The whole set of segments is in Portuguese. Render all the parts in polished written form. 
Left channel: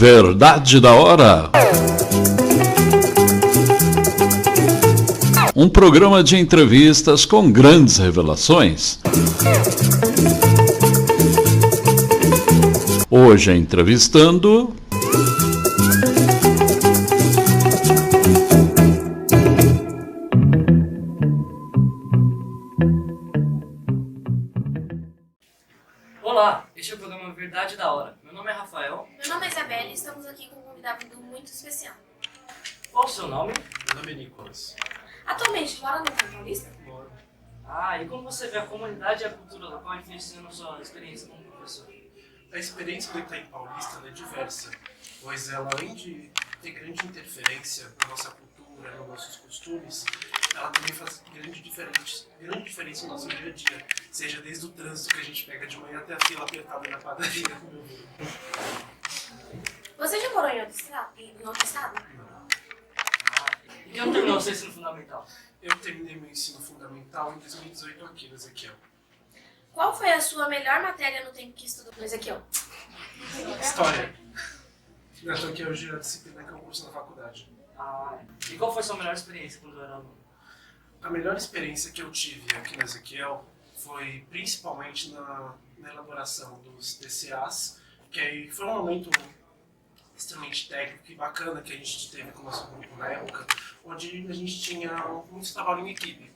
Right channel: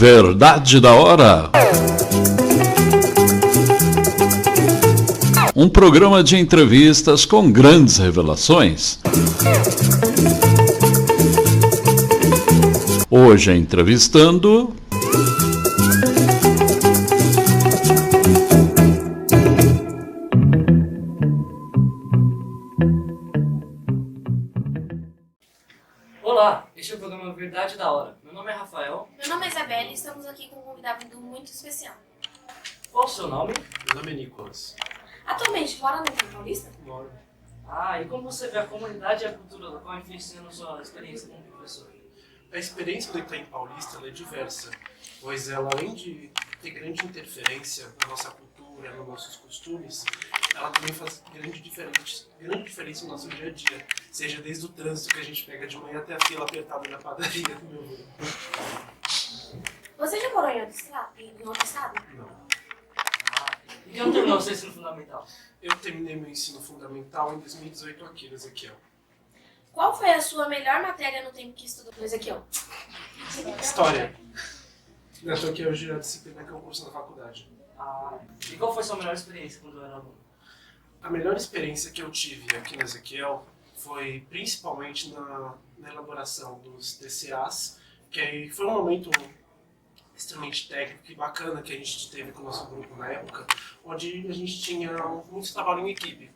Verdade da Hora. Um programa de entrevistas com grandes revelações. Hoje entrevistando... Olá, este é o programa Verdade da Hora. Meu nome é Rafael. Meu nome é Isabelle e estamos aqui com um convidado muito especial. Qual o seu nome? Meu nome é Nicolas. Atualmente, mora no Rio Paulista? Moro. E como você vê a comunidade e a cultura local influenciando a sua experiência como professor? A experiência do Itaim Paulista ela é diversa, pois ela, além de ter grande interferência na nossa cultura, nos nossos costumes, ela também faz grande diferença no nosso dia a dia, seja desde o trânsito que a gente pega de manhã até a fila apertada na padaria do meu avô. Você já morou em outro estado? Não. E quem terminou o seu ensino fundamental? Eu terminei meu ensino fundamental em 2018 aqui no Ezequiel. Qual foi a sua melhor matéria no tempo que estudou no Ezequiel? História. Eu estou aqui hoje a disciplina que é o curso da faculdade. E qual foi a sua melhor experiência quando era aluno? A melhor experiência que eu tive aqui no Ezequiel foi principalmente na elaboração dos TCAs, que aí foi um momento extremamente técnico e bacana que a gente teve com o nosso grupo na época, onde a gente tinha muito trabalho em equipe.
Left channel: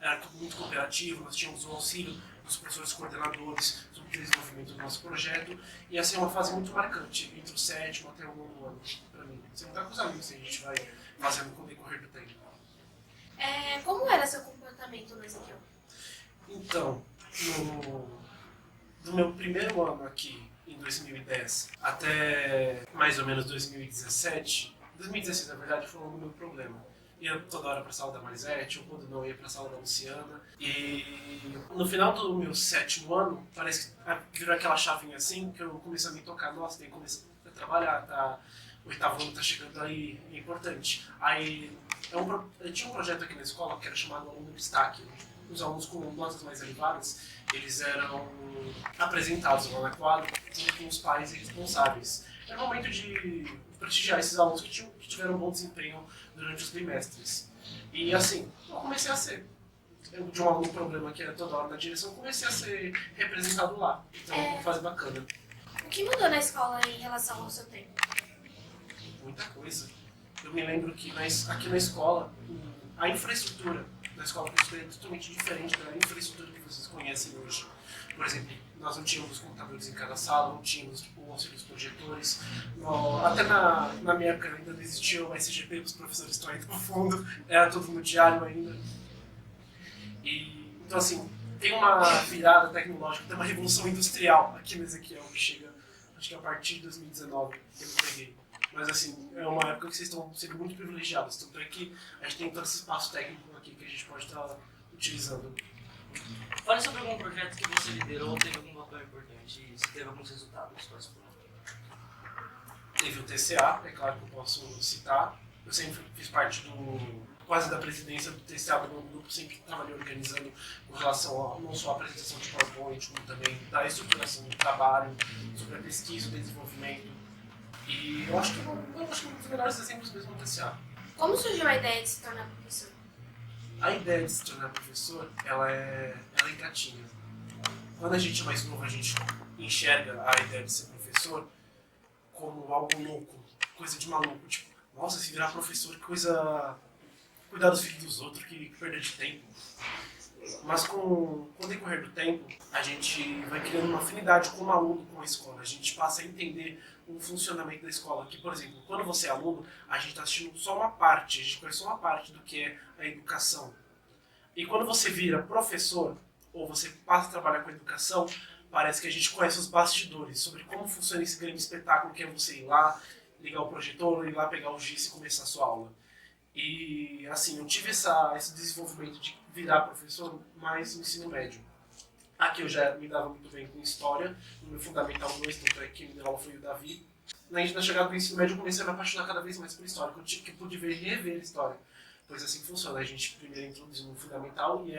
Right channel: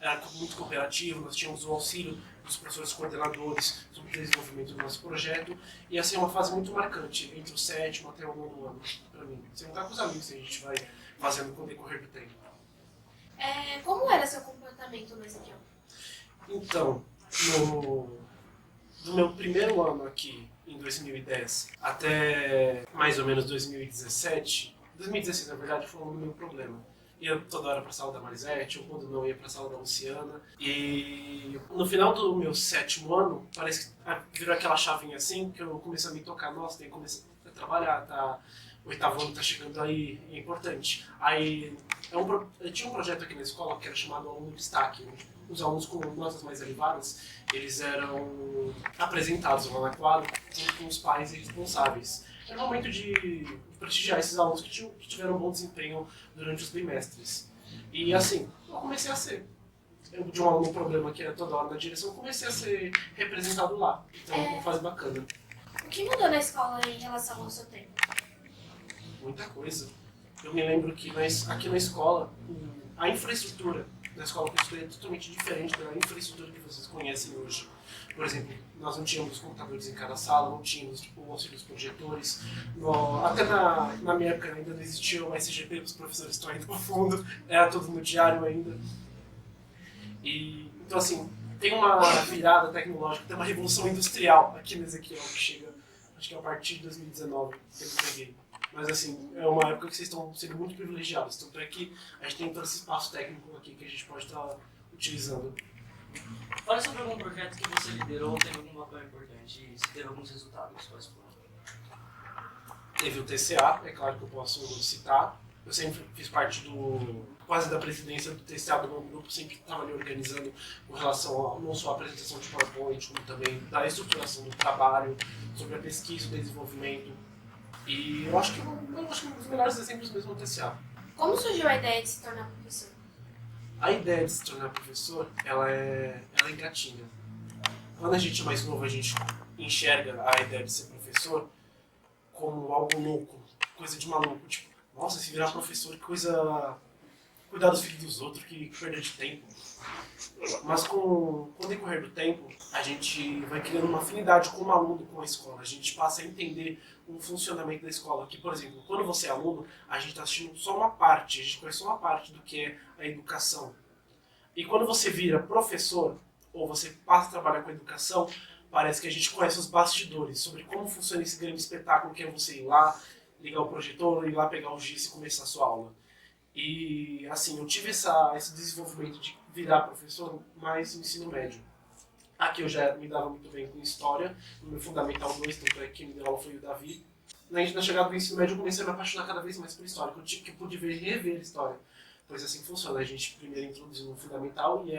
Era tudo muito cooperativo, nós tínhamos o auxílio dos professores coordenadores sobre o desenvolvimento do nosso projeto, e essa é uma fase muito marcante, entre o 7º até o 9º ano, para mim. Sem contar com os amigos que a gente vai fazendo com o decorrer do tempo. Como era seu comportamento no Ezequiel? Então, do meu primeiro ano aqui, em 2010, até mais ou menos 2017, 2016 na verdade foi o meu problema. Ia toda hora para a sala da Marisete, ou quando não ia para a sala da Luciana. E no final do meu 7º ano, parece que virou aquela chavinha assim, que eu comecei a me tocar, nossa, tem que começar a trabalhar, tá? O 8º ano tá chegando aí, é importante. Aí eu tinha um projeto aqui na escola que era chamado Aluno Destaque. Os alunos com notas mais elevadas, eles eram apresentados lá na quadra junto com os pais e responsáveis. Era um momento de prestigiar esses alunos que tiveram um bom desempenho durante os bimestres. E assim, eu comecei a ser. Eu tinha um problema que era toda hora na direção, eu comecei a ser representado lá. Então, uma fase bacana. O que mudou na escola em relação ao seu tempo? Muita coisa. Eu me lembro que aqui na escola, a infraestrutura da escola que eu estudei é totalmente diferente da infraestrutura que vocês conhecem hoje. Por exemplo, nós não tínhamos computadores em cada sala, não tínhamos o auxílio dos projetores. Até na minha época ainda não existia o SGP, os professores estão aí no fundo, era tudo no diário ainda. Então assim, tem uma virada tecnológica, tem uma revolução industrial aqui no Ezequiel que chega, acho que a partir de 2019 que eu peguei. Mas assim, é uma época que vocês estão sendo muito privilegiados, tanto é que a gente tem todo esse espaço técnico aqui que a gente pode estar utilizando. Fale sobre algum projeto que você liderou ou teve algum papel importante e se teve alguns resultados. Quais foram? Teve o TCA, é claro que eu posso citar. Eu sempre fiz parte quase da presidência do TCA do meu grupo, sempre estava ali organizando com relação a não só a apresentação de PowerPoint, como também da estruturação do trabalho, sobre a pesquisa, o desenvolvimento. E eu acho que um dos melhores exemplos mesmo do TCA. Como surgiu a ideia de se tornar professor? A ideia de se tornar professor, ela é gatinha. Quando a gente é mais novo, a gente enxerga a ideia de ser professor como algo louco, coisa de maluco. Tipo, nossa, se virar professor, que coisa... Cuidar dos filhos dos outros, que perda de tempo. Mas com o decorrer do tempo, a gente vai criando uma afinidade com o aluno, com a escola. A gente passa a entender o funcionamento da escola. Que, por exemplo, quando você é aluno, a gente está assistindo só uma parte, a gente conhece só uma parte do que é a educação. E quando você vira professor, ou você passa a trabalhar com a educação, parece que a gente conhece os bastidores, sobre como funciona esse grande espetáculo que é você ir lá, ligar o projetor, ir lá pegar o giz e começar a sua aula. E, assim, eu tive esse desenvolvimento de virar professor mais no ensino médio. Aqui eu já me dava muito bem com história, no meu Fundamental 2, tanto é que quem me deu aula foi o Davi. Na chegada do ensino médio eu comecei a me apaixonar cada vez mais por história, que eu pude rever a história. Pois assim funciona, a gente primeiro introduz no Fundamental e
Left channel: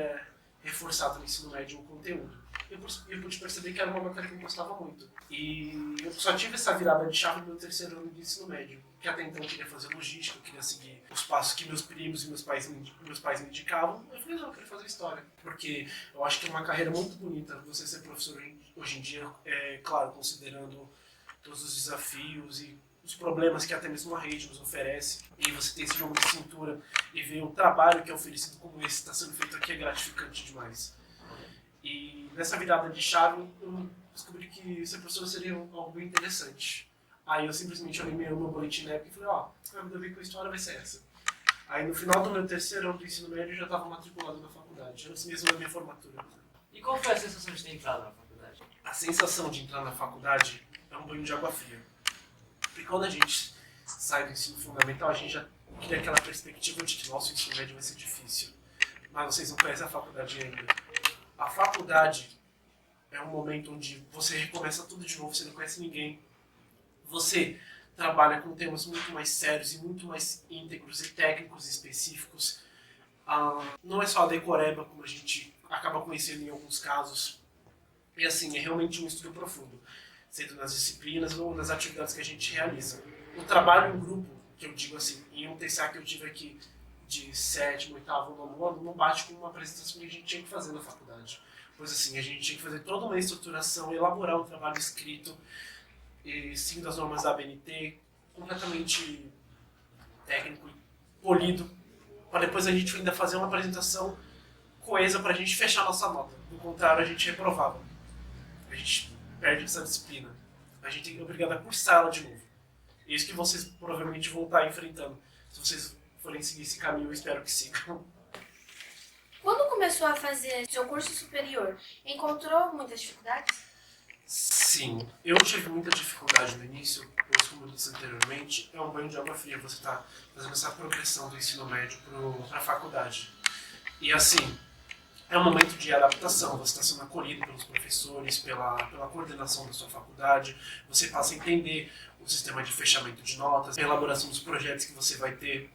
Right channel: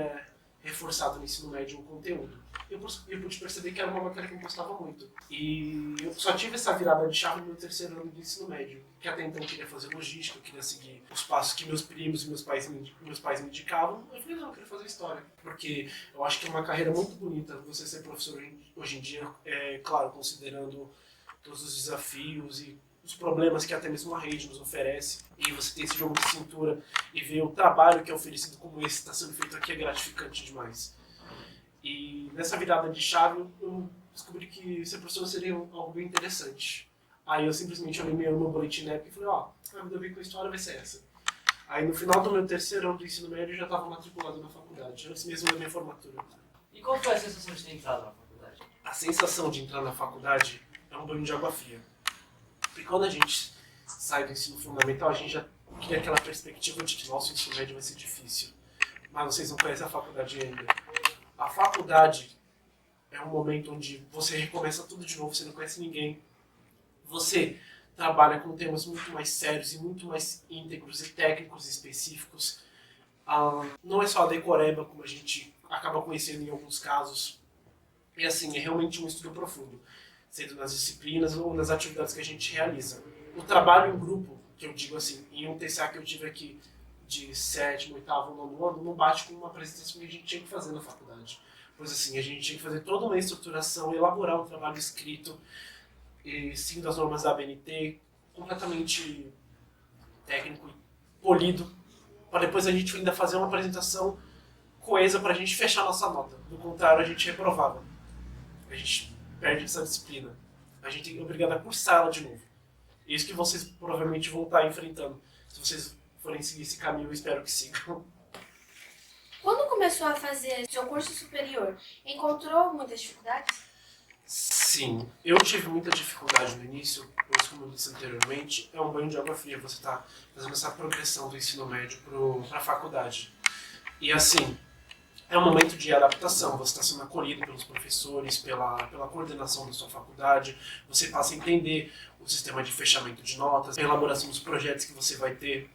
reforçado no ensino médio o conteúdo. Eu pude perceber que era uma matéria que eu gostava muito. E eu só tive essa virada de chave no meu terceiro ano de ensino médio, que até então eu queria fazer logística, eu queria seguir os passos que meus primos e meus pais me indicavam. Eu falei, não, eu quero fazer história. Porque eu acho que é uma carreira muito bonita você ser professor hoje em dia, claro, considerando todos os desafios e os problemas que até mesmo a rede nos oferece. E você ter esse jogo de cintura e ver o trabalho que é oferecido como esse está sendo feito aqui é gratificante demais. E nessa virada de chave eu descobri que ser professor seria algo bem interessante. Aí eu simplesmente olhei meu boletim na época e falei, a vida bem com a história vai ser essa. Aí no final do meu terceiro ano do ensino médio eu já estava matriculado na faculdade, antes mesmo da minha formatura. E qual foi a sensação de ter entrado na faculdade? A sensação de entrar na faculdade é um banho de água fria. Porque quando a gente sai do ensino fundamental, a gente já cria aquela perspectiva de que nosso ensino médio vai ser difícil. Mas vocês não conhecem a faculdade ainda. A faculdade é um momento onde você recomeça tudo de novo, você não conhece ninguém. Você trabalha com temas muito mais sérios e muito mais íntegros e técnicos e específicos. Não é só a decoreba, como a gente acaba conhecendo em alguns casos. E assim, é realmente um estudo profundo, sendo nas disciplinas ou nas atividades que a gente realiza. O trabalho em grupo, que eu digo assim, em um TCA que eu tive aqui de 7º, 8º, 9º ano, não bate com uma apresentação que a gente tinha que fazer na faculdade. Pois assim, a gente tinha que fazer toda uma estruturação, elaborar um trabalho escrito, e seguindo as normas da ABNT, completamente técnico e polido, para depois a gente ainda fazer uma apresentação coesa para a gente fechar a nossa nota. Do contrário, a gente reprovava. A gente perde essa disciplina. A gente é obrigado a cursar ela de novo. É isso que vocês provavelmente vão estar enfrentando. Se vocês forem seguir esse caminho, eu espero que sigam. Quando começou a fazer seu curso superior, encontrou muitas dificuldades? Sim, eu tive muita dificuldade no início, pois, como eu disse anteriormente, é um banho de água fria você está fazendo essa progressão do ensino médio para a faculdade. E assim, é um momento de adaptação, você está sendo acolhido pelos professores, pela coordenação da sua faculdade, você passa a entender o sistema de fechamento de notas, a elaboração dos projetos que você vai ter.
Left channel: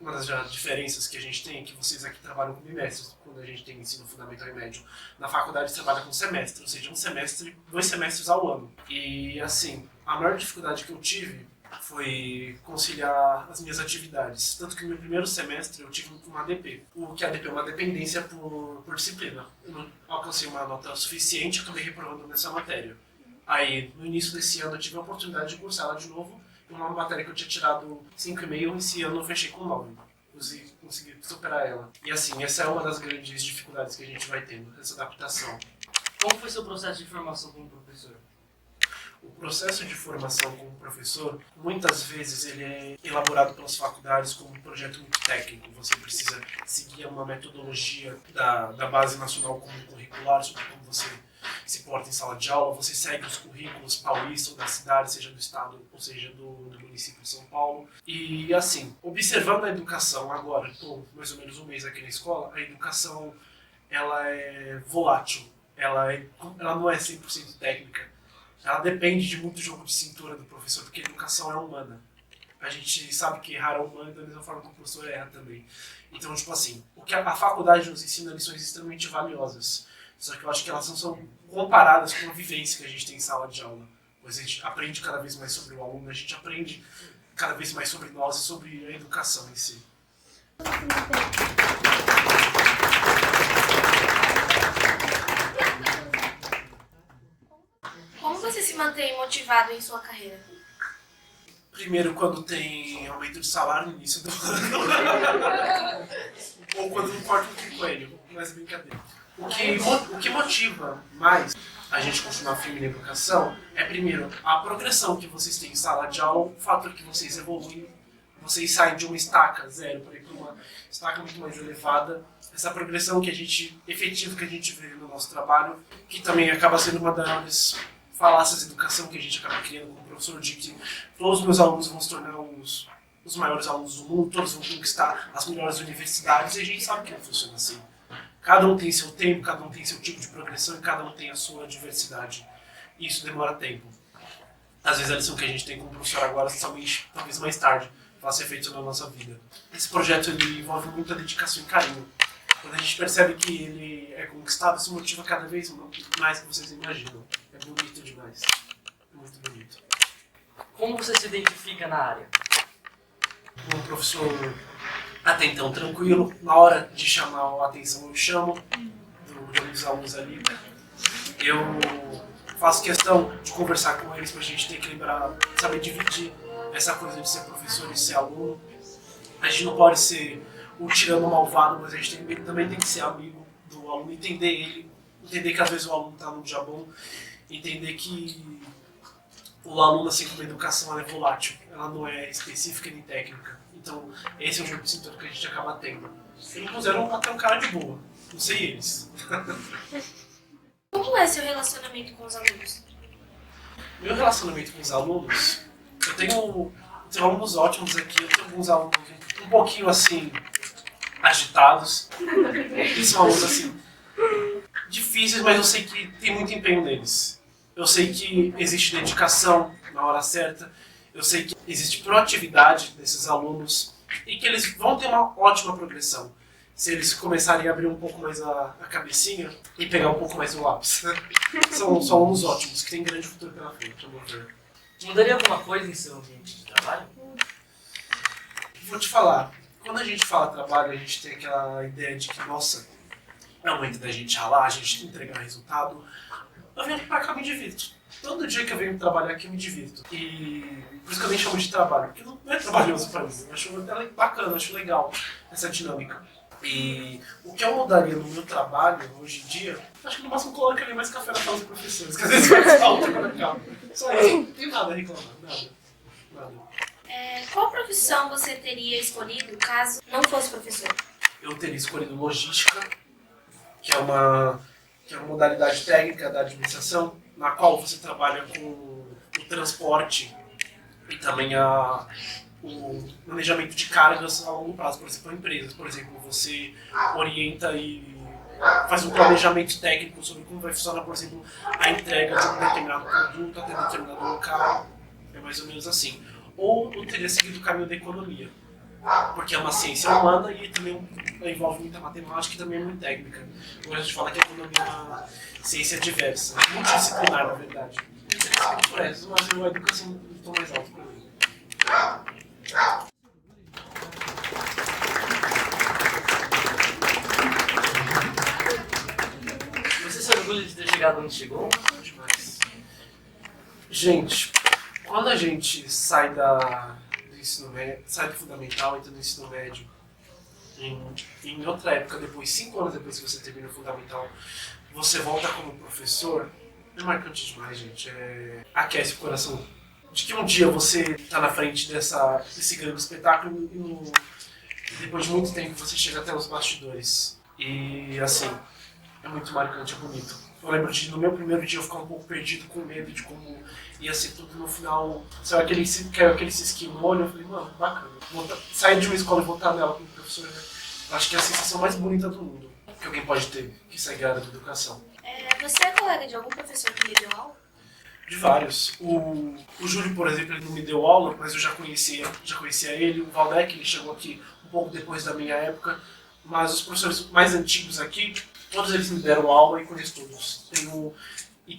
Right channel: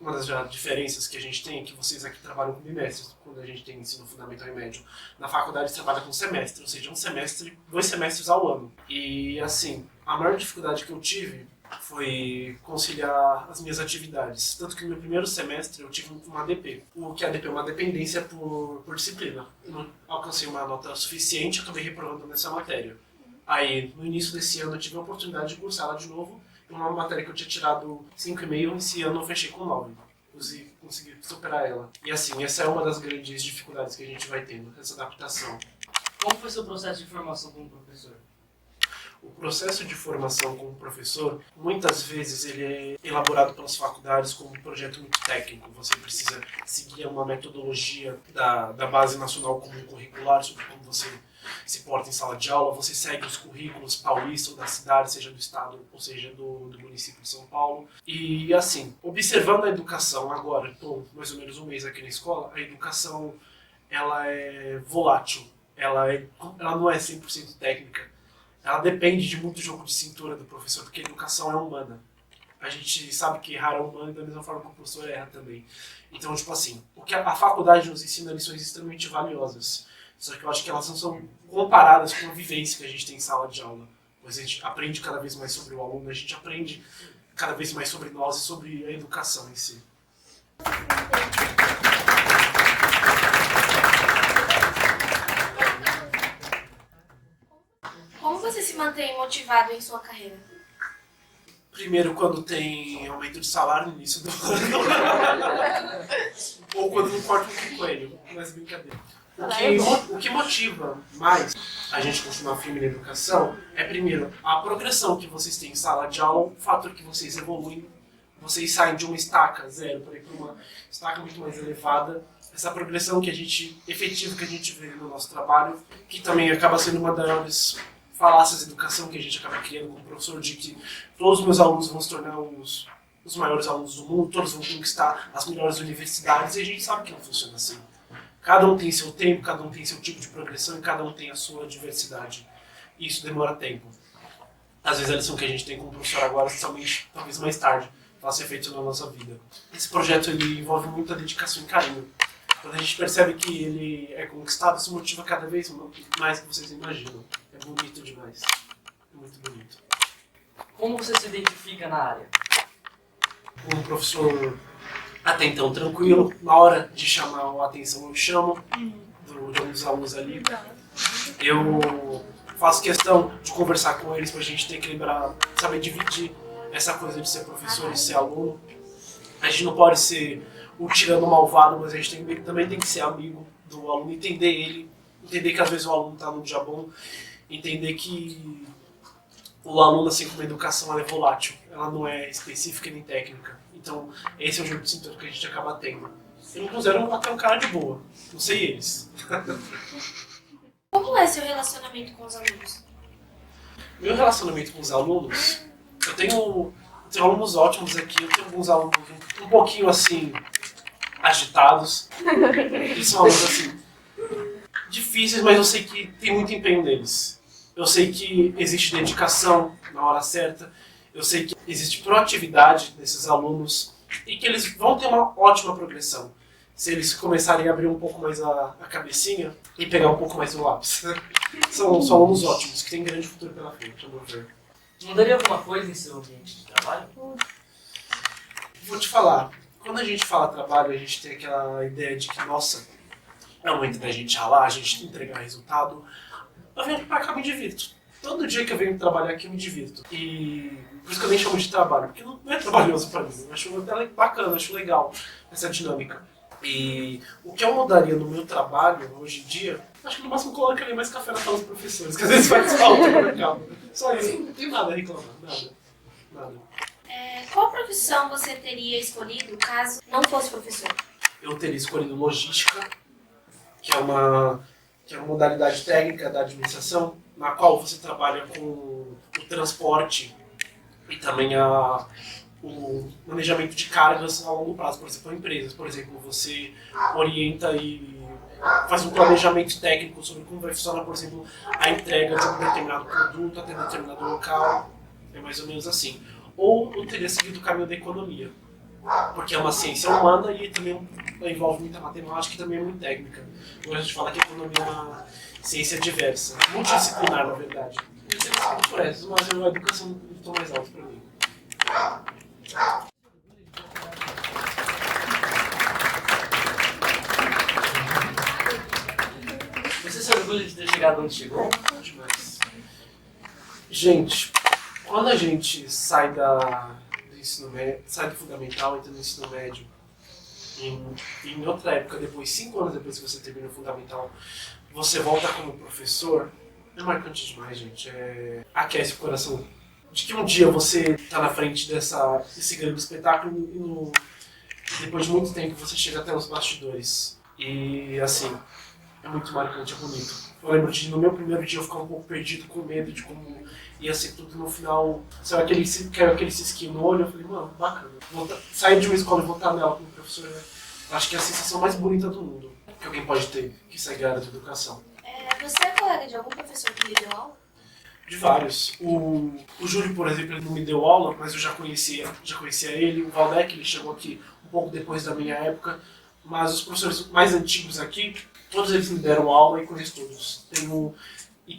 Uma das diferenças que a gente tem é que vocês aqui trabalham com bimestres, quando a gente tem ensino fundamental e médio. Na faculdade trabalha com semestre, ou seja, 2 semestres ao ano. E assim, a maior dificuldade que eu tive foi conciliar as minhas atividades. Tanto que no meu primeiro semestre eu tive uma ADP. O que é ADP é uma dependência por disciplina. Eu não alcancei uma nota suficiente e acabei reprovando nessa matéria. Aí, no início desse ano, eu tive a oportunidade de cursar ela de novo. Uma matéria que eu tinha tirado 5,5, esse ano eu fechei com 9. Consegui superar ela. E assim, essa é uma das grandes dificuldades que a gente vai tendo, essa adaptação. Como foi seu processo de formação como professor? O processo de formação como professor, muitas vezes ele é elaborado pelas faculdades como um projeto muito técnico. Você precisa seguir uma metodologia da Base Nacional Comum Curricular sobre como você se porta em sala de aula, você segue os currículos paulistas ou da cidade, seja do estado ou seja do município de São Paulo. E assim, observando a educação agora, estou mais ou menos um mês aqui na escola, a educação ela é volátil, ela não é 100% técnica. Ela depende de muito jogo de cintura do professor, porque a educação é humana. A gente sabe que errar é humano da mesma forma que o professor erra também. Então, tipo assim, o que a faculdade nos ensina lições extremamente valiosas. Só que eu acho que elas não são comparadas com a vivência que a gente tem em sala de aula. Pois a gente aprende cada vez mais sobre o aluno, a gente aprende cada vez mais sobre nós e sobre a educação em si. Como você se mantém motivado em sua carreira? Primeiro, quando tem aumento de salário no início do ano. Ou quando não corta um coelho, mas brincadeira. O que motiva mais a gente continuar firme na educação é, primeiro, a progressão que vocês têm em sala de aula, o fator que vocês evoluem, vocês saem de uma estaca zero para ir para uma estaca muito mais elevada. Essa progressão efetiva que a gente vê no nosso trabalho, que também acaba sendo uma das falácias de educação que a gente acaba criando como professor, de que todos os meus alunos vão se tornar os maiores alunos do mundo, todos vão conquistar as melhores universidades, e a gente sabe que não funciona assim. Cada um tem seu tempo, cada um tem seu tipo de progressão e cada um tem a sua diversidade. E isso demora tempo. Às vezes a lição que a gente tem como professor agora, somente talvez mais tarde, vai ser feita na nossa vida. Esse projeto ele envolve muita dedicação e carinho. Quando a gente percebe que ele é conquistado, isso motiva cada vez mais que vocês imaginam. É bonito demais. É muito bonito. Como você se identifica na área? Um professor até então tranquilo, na hora de chamar a atenção eu chamo de um dos alunos ali. Eu faço questão de conversar com eles pra gente ter que lembrar, saber dividir essa coisa de ser professor e ser aluno. A gente não pode ser o tirano malvado, mas a gente também tem que ser amigo do aluno, entender ele, entender que às vezes o aluno tá num dia bom, entender que o aluno, assim como a educação, ela é volátil, ela não é específica nem técnica. Então, esse é o jogo de cintura que a gente acaba tendo. Eu me considero até um cara de boa, não sei eles. Como é seu relacionamento com os alunos? Meu relacionamento com os alunos, eu tenho alunos ótimos aqui, eu tenho alguns alunos um pouquinho assim, agitados. Eles são alunos assim, difíceis, mas eu sei que tem muito empenho neles. Eu sei que existe dedicação na hora certa, eu sei que existe proatividade desses alunos e que eles vão ter uma ótima progressão se eles começarem a abrir um pouco mais a cabecinha e pegar um pouco mais o lápis. São alunos ótimos, que têm grande futuro pela frente, a meu ver. Mudaria alguma coisa em seu ambiente de trabalho? Vou te falar, quando a gente fala trabalho, a gente tem aquela ideia de que, nossa, é o momento da gente ralar, a gente entregar resultado. Eu venho pra cá e me divirto. Todo dia que eu venho trabalhar aqui eu me divirto. E por isso que eu nem chamo de trabalho, porque não é trabalhoso pra mim. Eu acho até bacana, acho legal essa dinâmica. E o que eu mudaria no meu trabalho hoje em dia, acho que no máximo colocaria mais café na sala dos professores, que às vezes faz falta quando acaba. Só isso, não tem nada a reclamar, nada. Qual profissão você teria escolhido caso não fosse professor? Eu teria escolhido logística, que é uma modalidade técnica da administração, na qual você trabalha com o transporte e também o manejamento de cargas a longo prazo, por exemplo, empresas. Por exemplo, você orienta e faz um planejamento técnico sobre como vai funcionar, por exemplo, a entrega de um determinado produto até determinado local. É mais ou menos assim. Ou eu teria seguido o caminho da economia, porque é uma ciência humana e também envolve muita matemática e também é muito técnica. Agora a gente fala que a economia é uma ciência diversa, multidisciplinar, na verdade. Eu teria seguido por essas, mas a educação estou mais alto para mim. Você se orgulha de ter chegado onde chegou? Demais. Gente, quando a gente sai do ensino médio, sai do fundamental, entra no ensino médio, em outra época, depois, 5 anos depois que você termina o fundamental, você volta como professor, é marcante demais, gente. Aquece o coração de que um dia você está na frente desse grande espetáculo e depois de muito tempo você chega até os bastidores. E assim, é muito marcante, é bonito. Eu lembro de no meu primeiro dia eu ficar um pouco perdido, com medo de como ia ser tudo no final. Saiu aquele cisquinho no olho, eu falei, mano, bacana. Sair de uma escola e voltar nela como professor, acho que é a sensação mais bonita do mundo que alguém pode ter, que segue a área da educação. Você é colega de algum professor que lhe deu aula? De vários. O Júlio, por exemplo, ele não me deu aula, mas eu já conhecia ele. O Valdec, ele chegou aqui um pouco depois da minha época. Mas os professores mais antigos aqui, todos eles me deram aula e conheço todos. Tem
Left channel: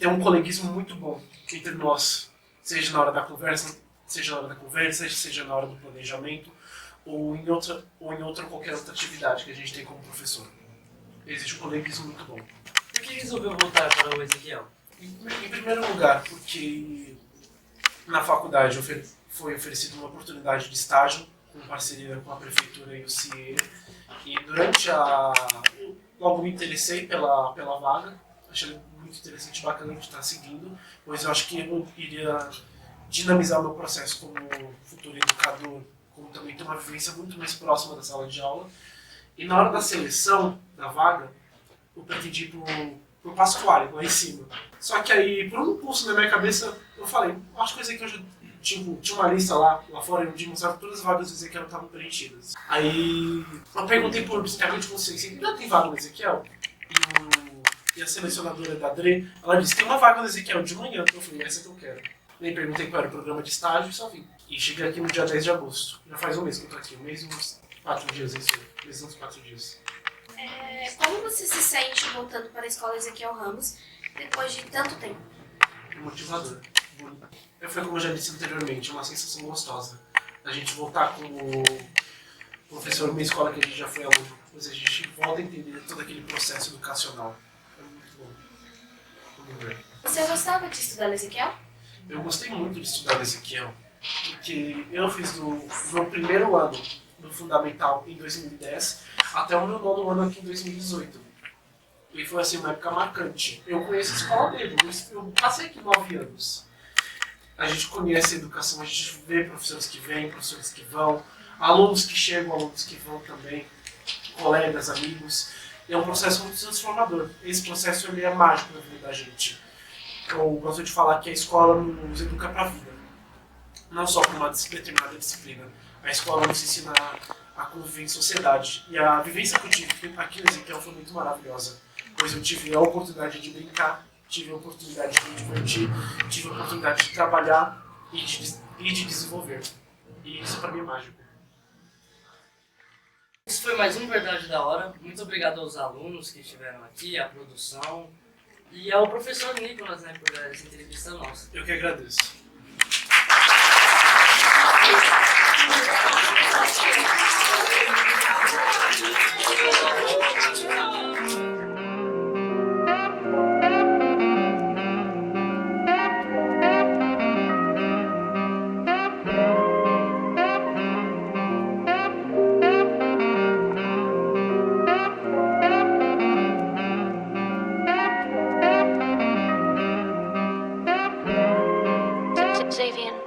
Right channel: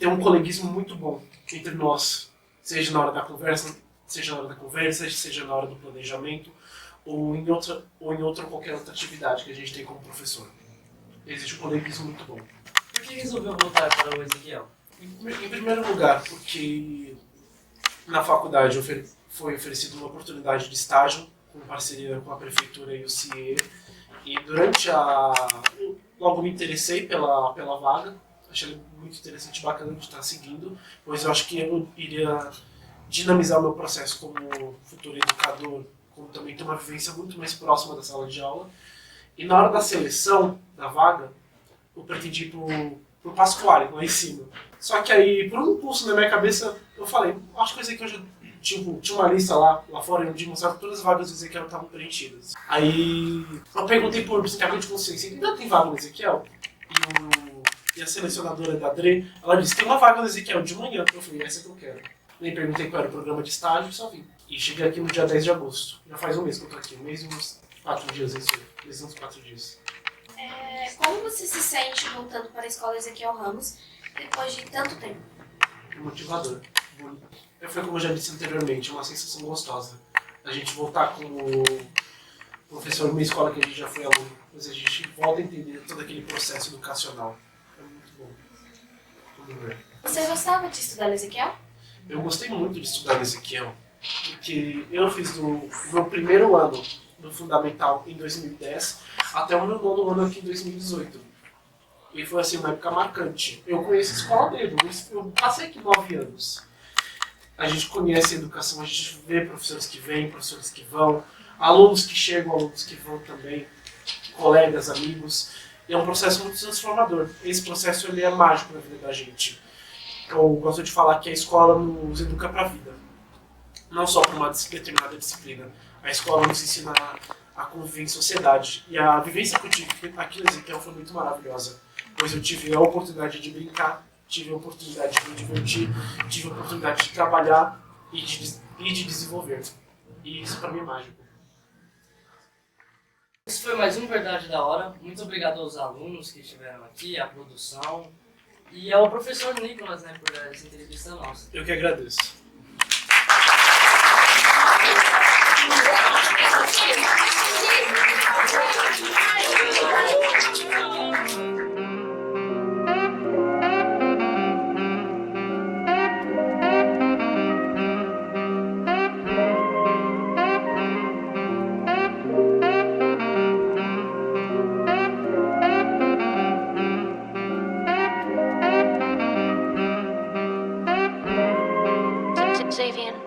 um coleguismo muito bom entre nós, seja na hora da conversa, seja na hora do planejamento, ou em qualquer outra atividade que a gente tem como professor. Existe um coleguismo muito bom. Por que resolveu voltar para o Ezequiel? Em primeiro lugar, porque na faculdade foi oferecida uma oportunidade de estágio com parceria com a prefeitura e o CIE. E logo me interessei pela vaga, achei muito interessante e bacana de estar seguindo, pois eu acho que eu iria dinamizar o meu processo como futuro educador, como também ter uma vivência muito mais próxima da sala de aula. E na hora da seleção da vaga, eu pretendi ir pro Pasquale, lá em cima. Só que aí, por um impulso na minha cabeça, eu falei, acho que o Ezequiel já tinha uma lista lá fora, onde mostrava que todas as vagas do Ezequiel estavam preenchidas. Aí eu perguntei por psicamente consciência, ainda tem vaga no Ezequiel? E a selecionadora da Dre, ela disse, tem uma vaga no Ezequiel de manhã. Eu falei, essa que eu quero. Nem perguntei qual era o programa de estágio e só vim. E cheguei aqui no dia 10 de agosto. Já faz um mês que eu tô aqui, um mês e uns 4 dias, é isso aí. Um mês e uns 4 dias. Como você se sente voltando para a escola Ezequiel Ramos depois de tanto tempo? Motivador. Foi como eu já disse anteriormente, uma sensação gostosa. A gente voltar como professor numa escola que a gente já foi aluno, mas a gente volta a entender todo aquele processo educacional. É muito bom. Vamos ver. Você gostava de estudar no Ezequiel? Eu gostei muito de estudar no Ezequiel, porque eu fiz do meu primeiro ano do Fundamental em 2010 até o meu nono ano aqui em 2018. E foi assim, uma época marcante. Eu conheço a escola dele, eu passei aqui 9 anos. A gente conhece a educação, a gente vê professores que vêm, professores que vão, alunos que chegam, alunos que vão também, colegas, amigos. E é um processo muito transformador. Esse processo ele é mágico na vida da gente. Eu gosto de falar que a escola nos educa para a vida, não só para uma determinada disciplina. A escola nos ensina a conviver em sociedade. E a vivência que eu tive aqui no Ezequiel foi muito maravilhosa, pois eu tive a oportunidade de brincar, tive a oportunidade de me divertir, tive a oportunidade de trabalhar e de desenvolver. E isso para mim é mágico. Esse foi mais um Verdade da Hora. Muito obrigado aos alunos que estiveram aqui, à produção e ao professor Nicolas, né, por essa entrevista nossa. Eu que agradeço. Xavier.